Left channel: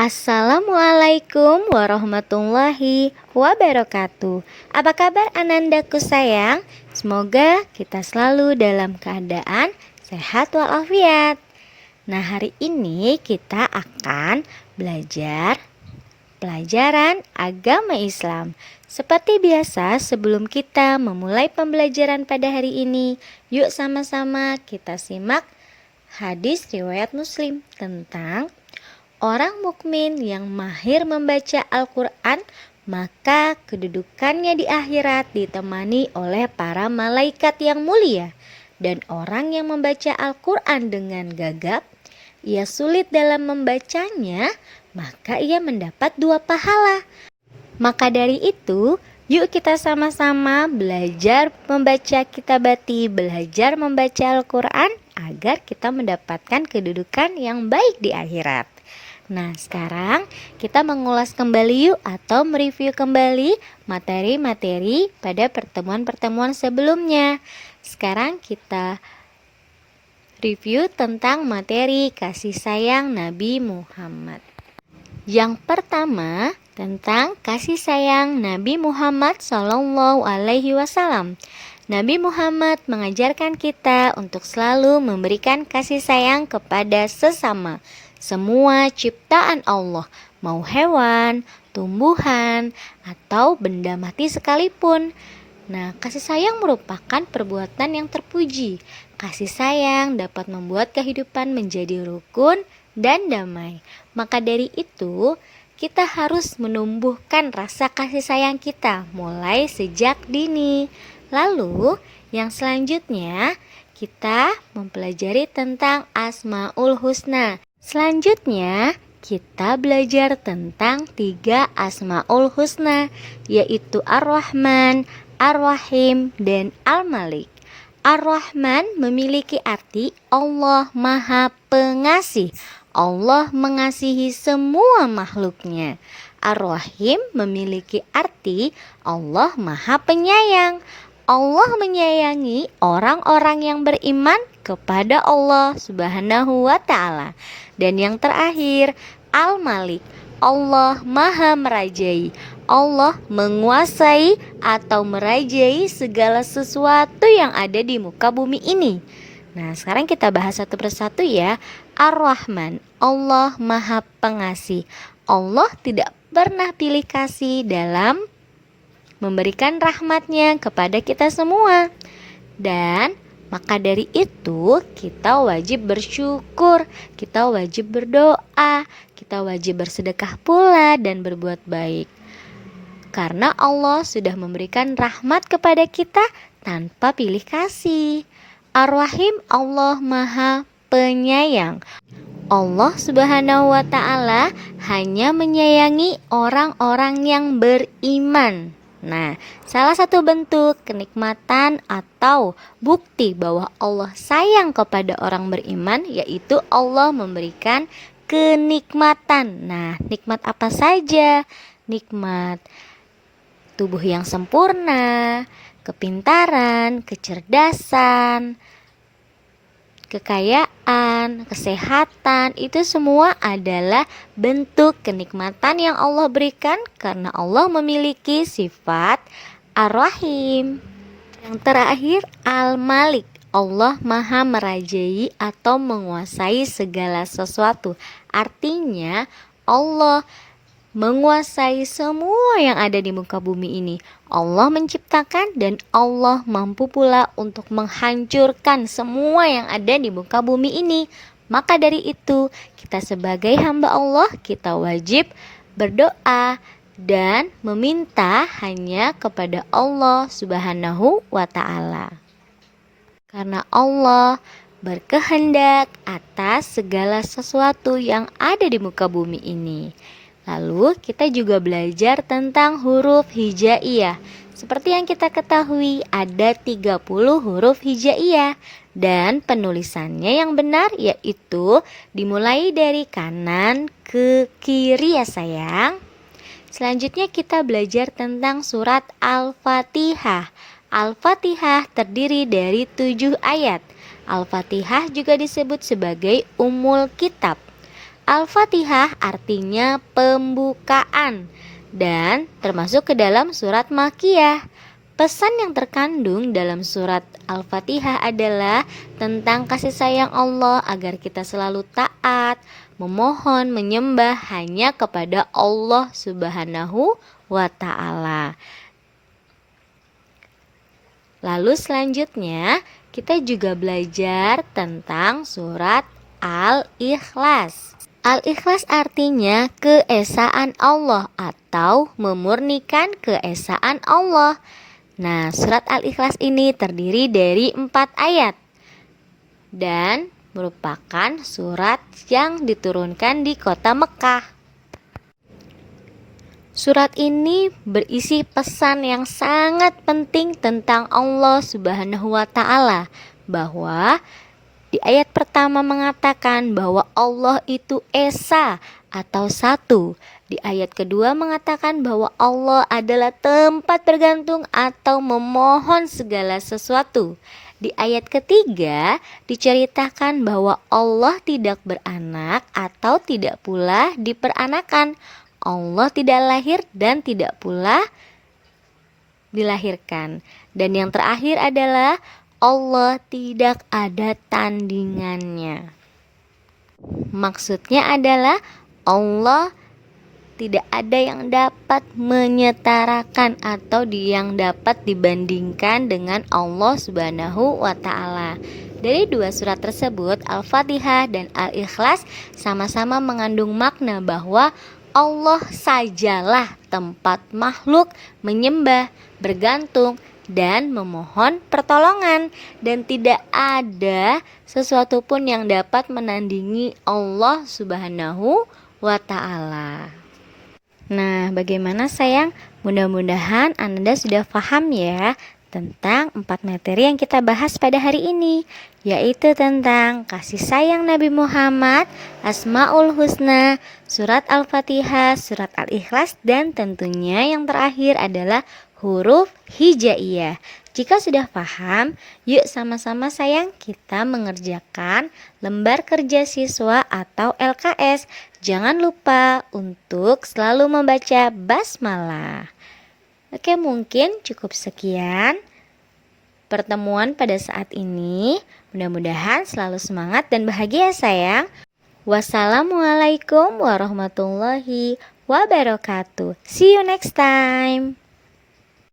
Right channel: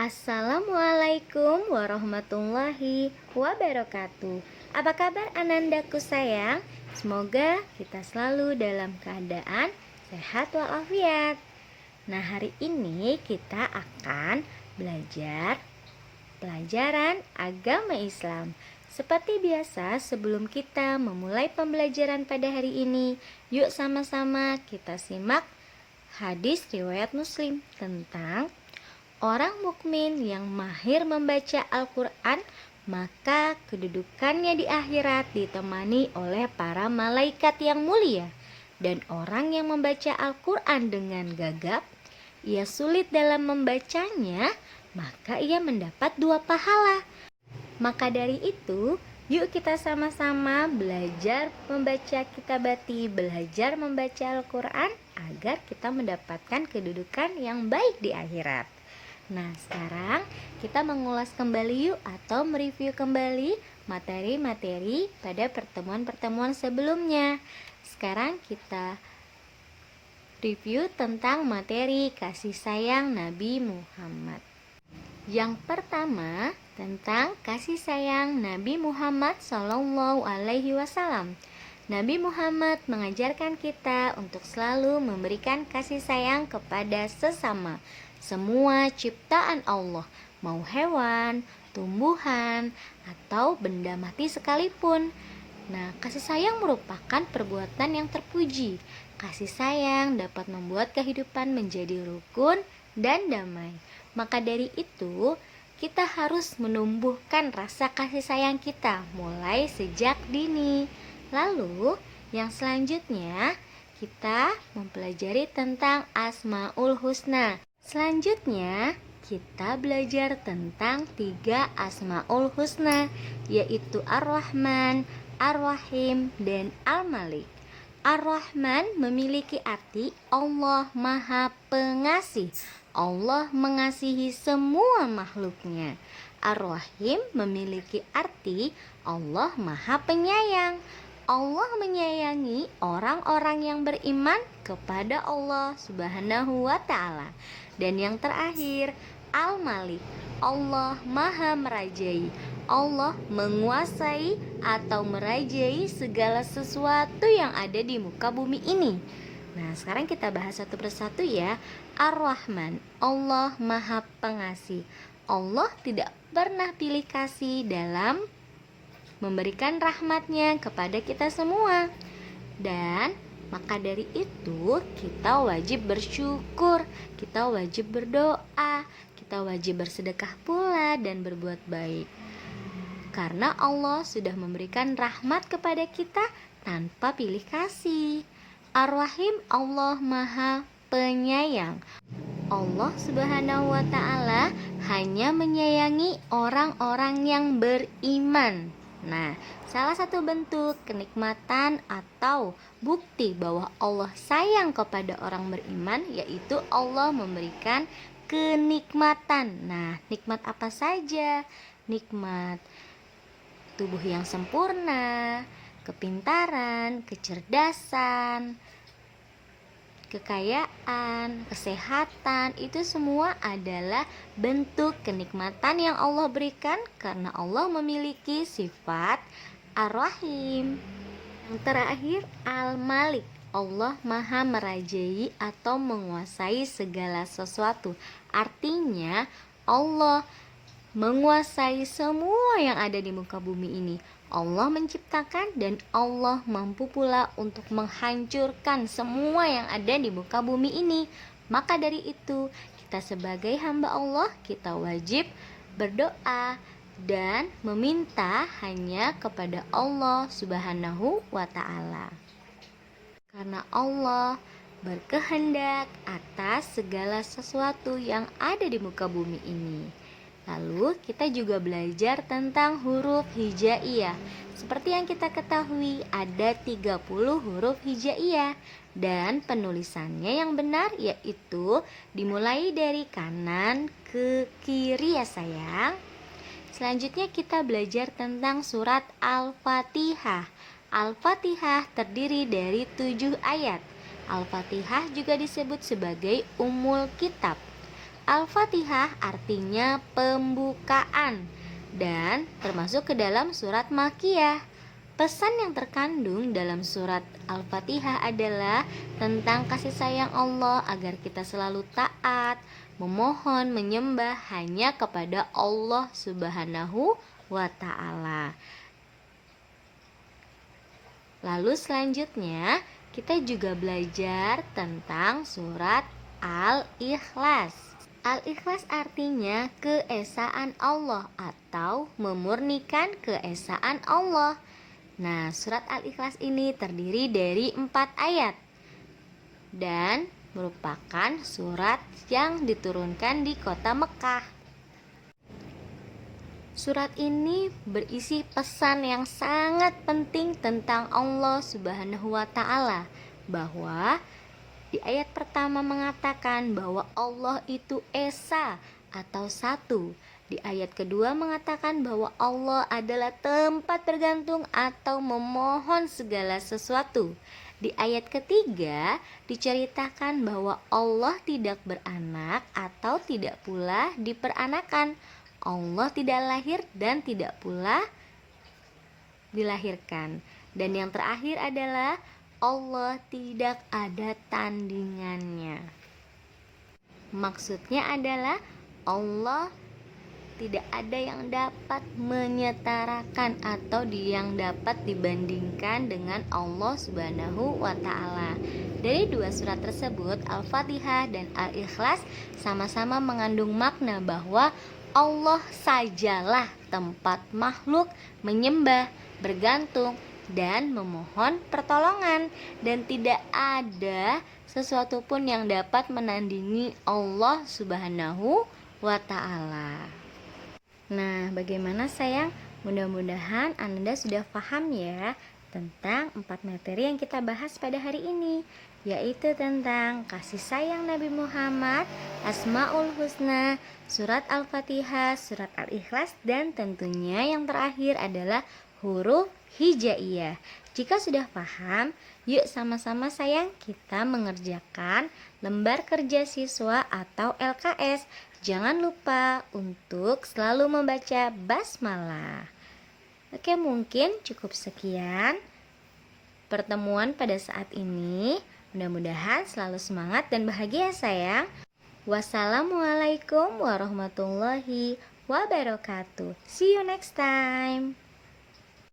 Assalamualaikum warahmatullahi wabarakatuh. Apa kabar anandaku sayang? Semoga kita selalu dalam keadaan sehat walafiat. Nah, hari ini kita akan belajar pelajaran agama Islam. Seperti biasa, sebelum kita memulai pembelajaran pada hari ini, yuk sama-sama kita simak hadis riwayat Muslim tentang orang mukmin yang mahir membaca Al-Quran, maka kedudukannya di akhirat ditemani oleh para malaikat yang mulia. Dan orang yang membaca Al-Quran dengan gagap, ia sulit dalam membacanya, maka ia mendapat 2 pahala. Maka dari itu, yuk kita sama-sama belajar membaca kitabati, belajar membaca Al-Quran agar kita mendapatkan kedudukan yang baik di akhirat. Nah, sekarang kita mengulas kembali yuk atau mereview kembali materi-materi pada pertemuan-pertemuan sebelumnya. Sekarang kita review tentang materi kasih sayang Nabi Muhammad. Yang pertama, tentang kasih sayang Nabi Muhammad SAW. Nabi Muhammad mengajarkan kita untuk selalu memberikan kasih sayang kepada sesama, semua ciptaan Allah, mau hewan, tumbuhan, atau benda mati sekalipun. Nah, kasih sayang merupakan perbuatan yang terpuji. Kasih sayang dapat membuat kehidupan menjadi rukun dan damai. Maka dari itu, kita harus menumbuhkan rasa kasih sayang kita mulai sejak dini. Lalu, yang selanjutnya, kita mempelajari tentang Asmaul Husna. Selanjutnya, kita belajar tentang 3 Asmaul Husna, yaitu Ar-Rahman, Ar-Rahim, dan Al-Malik. Ar-Rahman memiliki arti Allah Maha Pengasih. Allah mengasihi semua makhluknya. Ar-Rahim memiliki arti Allah Maha Penyayang. Allah menyayangi orang-orang yang beriman kepada Allah Subhanahu wa Ta'ala. Dan yang terakhir, Al-Malik, Allah Maha Merajai. Allah menguasai atau merajai segala sesuatu yang ada di muka bumi ini. Nah, sekarang kita bahas satu persatu ya. Ar-Rahman, Allah Maha Pengasih. Allah tidak pernah pilih kasih dalam memberikan rahmatnya kepada kita semua. Dan maka dari itu kita wajib bersyukur, kita wajib berdoa, kita wajib bersedekah pula dan berbuat baik. Karena Allah sudah memberikan rahmat kepada kita tanpa pilih kasih. Ar-Rahim, Allah Maha Penyayang. Allah Subhanahu wa Ta'ala hanya menyayangi orang-orang yang beriman. Nah, salah satu bentuk kenikmatan atau bukti bahwa Allah sayang kepada orang beriman yaitu Allah memberikan kenikmatan. Nah, nikmat apa saja? Nikmat tubuh yang sempurna, kepintaran, kecerdasan, kekayaan, kesehatan, itu semua adalah bentuk kenikmatan yang Allah berikan karena Allah memiliki sifat Ar-Rahim. Yang terakhir, Al-Malik, Allah Maha Merajai atau menguasai segala sesuatu. Artinya Allah menguasai semua yang ada di muka bumi ini. Allah menciptakan dan Allah mampu pula untuk menghancurkan semua yang ada di muka bumi ini. Maka dari itu, kita sebagai hamba Allah, kita wajib berdoa dan meminta hanya kepada Allah Subhanahu wa Ta'ala. Karena Allah berkehendak atas segala sesuatu yang ada di muka bumi ini. Lalu kita juga belajar tentang huruf hijaiyah. Seperti yang kita ketahui ada 30 huruf hijaiyah dan penulisannya yang benar yaitu dimulai dari kanan ke kiri ya sayang. Selanjutnya kita belajar tentang surat Al-Fatihah. Al-Fatihah terdiri dari 7 ayat. Al-Fatihah juga disebut sebagai Ummul Kitab. Al-Fatihah artinya pembukaan dan termasuk ke dalam surat Makkiyah. Pesan yang terkandung dalam surat Al-Fatihah adalah tentang kasih sayang Allah agar kita selalu taat, memohon, menyembah hanya kepada Allah Subhanahu wa Ta'ala. Lalu selanjutnya kita juga belajar tentang surat Al-Ikhlas. Al-Ikhlas artinya keesaan Allah atau memurnikan keesaan Allah. Nah, surat Al-Ikhlas ini terdiri dari 4 ayat dan merupakan surat yang diturunkan di kota Mekah. Surat ini berisi pesan yang sangat penting tentang Allah Subhanahu wa Ta'ala, bahwa di ayat pertama mengatakan bahwa Allah itu esa atau satu. Di ayat kedua mengatakan bahwa Allah adalah tempat bergantung atau memohon segala sesuatu. Di ayat ketiga diceritakan bahwa Allah tidak beranak atau tidak pula diperanakan. Allah tidak lahir dan tidak pula dilahirkan. Dan yang terakhir adalah Allah tidak ada tandingannya. Maksudnya adalah Allah tidak ada yang dapat menyetarakan atau yang dapat dibandingkan dengan Allah Subhanahu wa Ta'ala. Dari dua surat tersebut, Al-Fatihah dan Al-Ikhlas sama-sama mengandung makna bahwa Allah sajalah tempat makhluk menyembah, bergantung, dan memohon pertolongan, dan tidak ada sesuatu pun yang dapat menandingi Allah Subhanahu wa Ta'ala. Nah, bagaimana sayang? Mudah-mudahan Anda sudah paham ya tentang 4 materi yang kita bahas pada hari ini, yaitu tentang kasih sayang Nabi Muhammad, Asmaul Husna, surat Al-Fatihah, surat Al-Ikhlas, dan tentunya yang terakhir adalah huruf hijaiyah. Jika sudah paham, yuk sama-sama sayang kita mengerjakan lembar kerja siswa atau LKS. Jangan lupa untuk selalu membaca basmalah. Oke, mungkin cukup sekian pertemuan pada saat ini. Mudah-mudahan selalu semangat dan bahagia sayang. Wassalamualaikum warahmatullahi wabarakatuh. See you next time.